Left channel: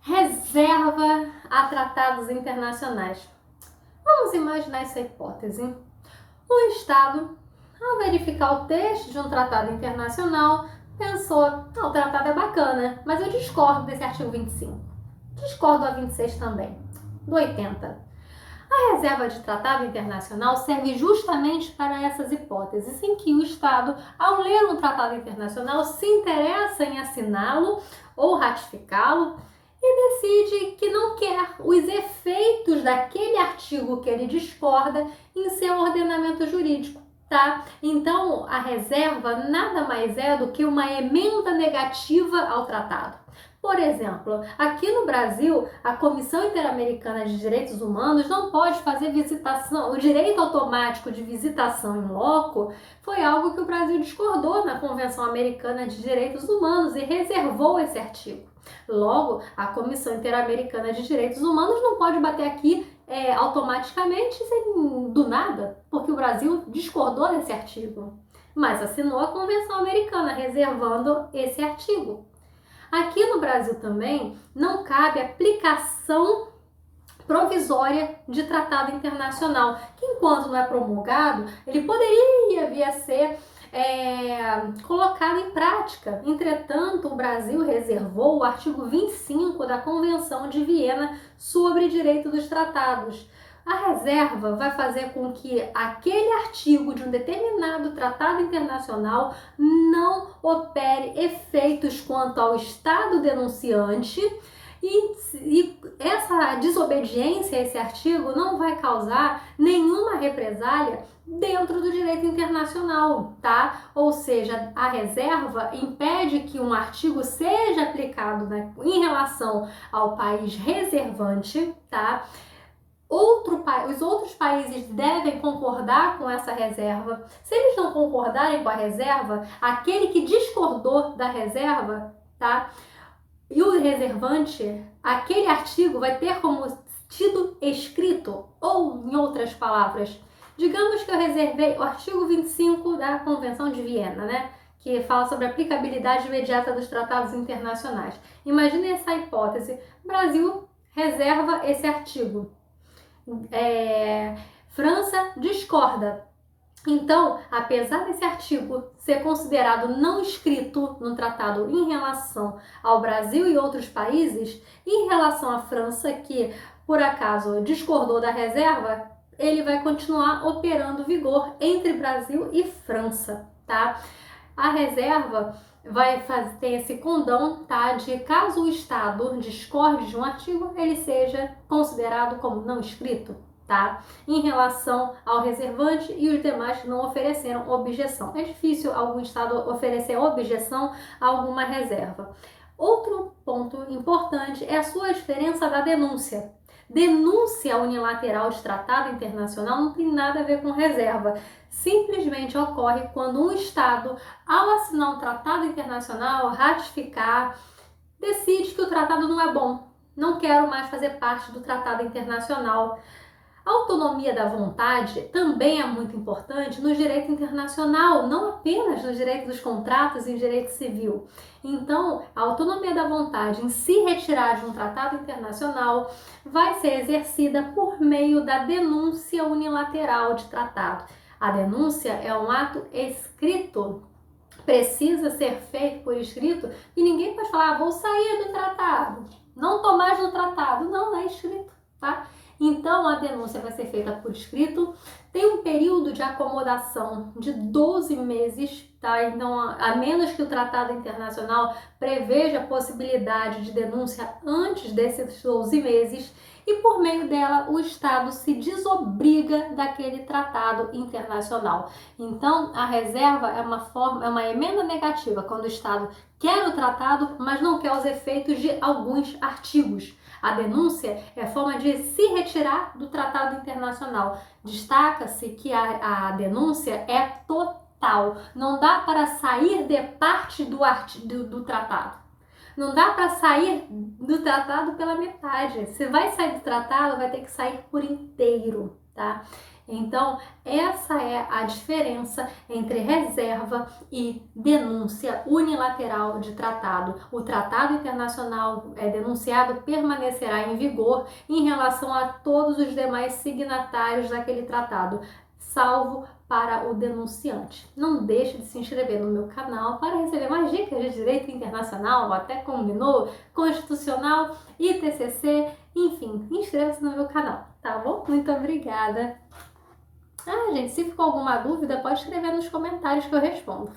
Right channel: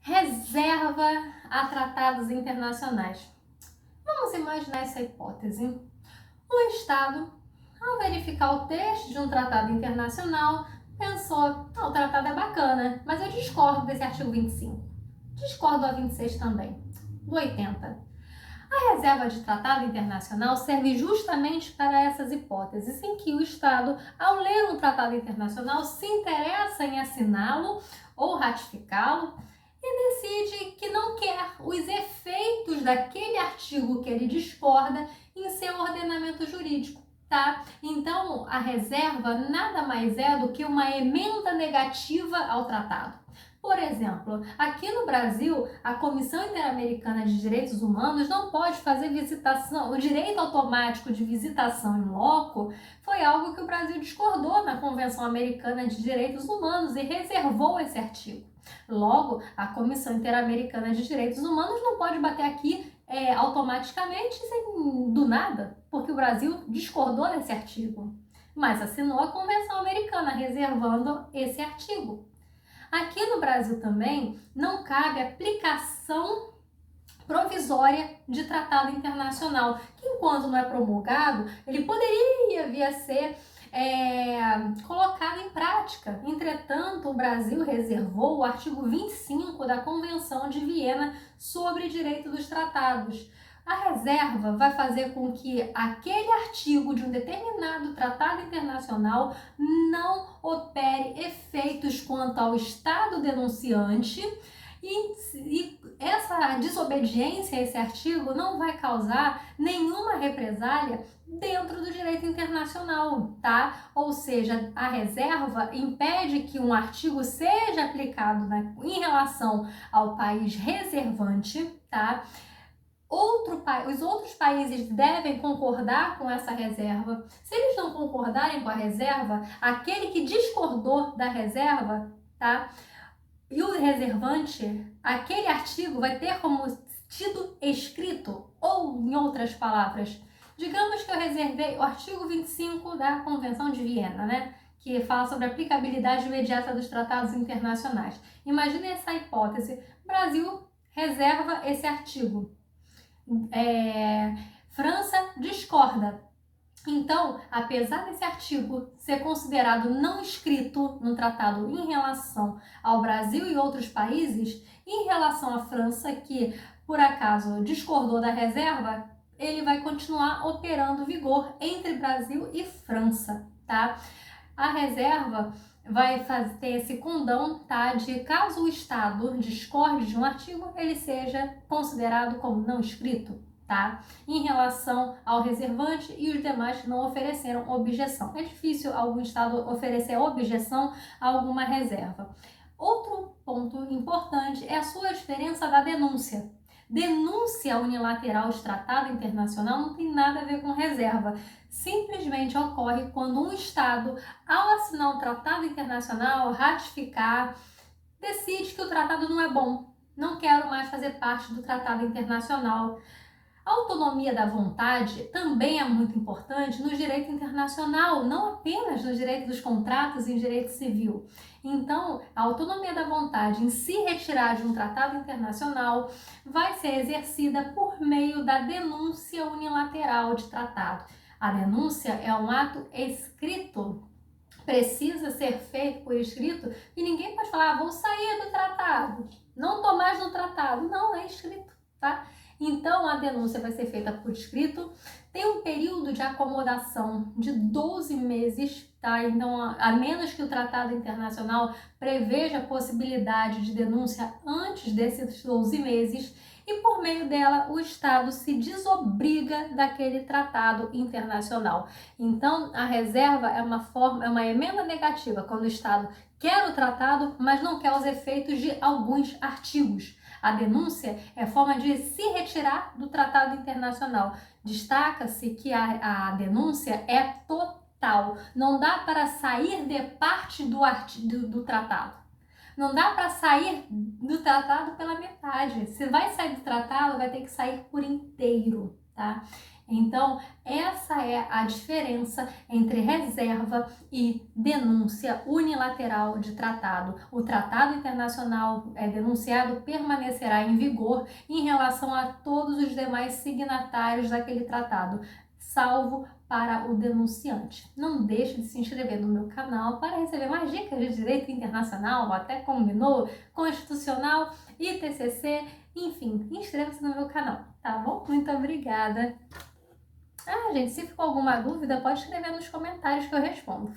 reserva a tratados internacionais. Vamos imaginar essa hipótese. Um Estado, ao verificar o texto de um tratado internacional, pensou, o tratado é bacana, mas eu discordo desse artigo 25. Discordo do 26 também, do 80. A reserva de tratado internacional serve justamente para essas hipóteses em que o Estado, ao ler um tratado internacional, se interessa em assiná-lo ou ratificá-lo e decide que não quer os efeitos daquele artigo que ele discorda em seu ordenamento jurídico. Tá? Então, a reserva nada mais é do que uma emenda negativa ao tratado. Por exemplo, aqui no Brasil, a Comissão Interamericana de Direitos Humanos não pode fazer visitação. O direito automático de visitação in loco foi algo que o Brasil discordou na Convenção Americana de Direitos Humanos e reservou esse artigo. Logo, a Comissão Interamericana de Direitos Humanos não pode bater aqui automaticamente do nada, porque o Brasil discordou desse artigo, mas assinou a Convenção Americana reservando esse artigo. Aqui no Brasil também não cabe aplicação provisória de tratado internacional, que enquanto não é promulgado, ele poderia vir a ser colocado em prática. Entretanto, o Brasil reservou o artigo 25 da Convenção de Viena sobre Direito dos Tratados. A reserva vai fazer com que aquele artigo de um determinado tratado internacional não opere efeitos quanto ao Estado denunciante e essa desobediência a esse artigo não vai causar nenhuma represália dentro do direito internacional, tá? Ou seja, a reserva impede que um artigo seja aplicado em relação ao país reservante, tá? Os outros países devem concordar com essa reserva. Se eles não concordarem com a reserva, aquele que discordou da reserva, tá? E o reservante, aquele artigo vai ter como tido escrito, ou em outras palavras, digamos que eu reservei o artigo 25 da Convenção de Viena, né? Que fala sobre a aplicabilidade imediata dos tratados internacionais. Imagine essa hipótese. Brasil reserva esse artigo. França discorda. Então, apesar desse artigo ser considerado não escrito no tratado em relação ao Brasil e outros países, em relação à França, que por acaso discordou da reserva, ele vai continuar operando vigor entre Brasil e França, tá? A reserva vai ter esse condão, tá? De caso o Estado discorde de um artigo, ele seja considerado como não escrito, tá? Em relação ao reservante e os demais que não ofereceram objeção. É difícil algum Estado oferecer objeção a alguma reserva. Outro ponto importante é a sua diferença da denúncia. Denúncia unilateral de tratado internacional não tem nada a ver com reserva. Simplesmente ocorre quando um Estado, ao assinar um tratado internacional, ratificar, decide que o tratado não é bom. Não quero mais fazer parte do tratado internacional. A autonomia da vontade também é muito importante no direito internacional, não apenas no direito dos contratos e no direito civil. Então, a autonomia da vontade em se retirar de um tratado internacional vai ser exercida por meio da denúncia unilateral de tratado. A denúncia é um ato escrito, precisa ser feito por escrito e ninguém pode falar, vou sair do tratado, não estou mais no tratado. Não, é escrito, tá? Então, a denúncia vai ser feita por escrito, tem um período de acomodação de 12 meses, tá? Então, a menos que o tratado internacional preveja a possibilidade de denúncia antes desses 12 meses, e por meio dela o Estado se desobriga daquele tratado internacional. Então, a reserva é uma emenda negativa, quando o Estado quer o tratado, mas não quer os efeitos de alguns artigos. A denúncia é forma de se retirar do tratado internacional. Destaca-se que a denúncia é total. Não dá para sair de parte do tratado. Não dá para sair do tratado pela metade. Se vai sair do tratado, vai ter que sair por inteiro, tá? Então, essa é a diferença entre reserva e denúncia unilateral de tratado. O tratado internacional denunciado permanecerá em vigor em relação a todos os demais signatários daquele tratado, salvo para o denunciante. Não deixe de se inscrever no meu canal para receber mais dicas de direito internacional, até combinou, constitucional e TCC, enfim, inscreva-se no meu canal, tá bom? Muito obrigada! Ah, gente, se ficou alguma dúvida, pode escrever nos comentários que eu respondo.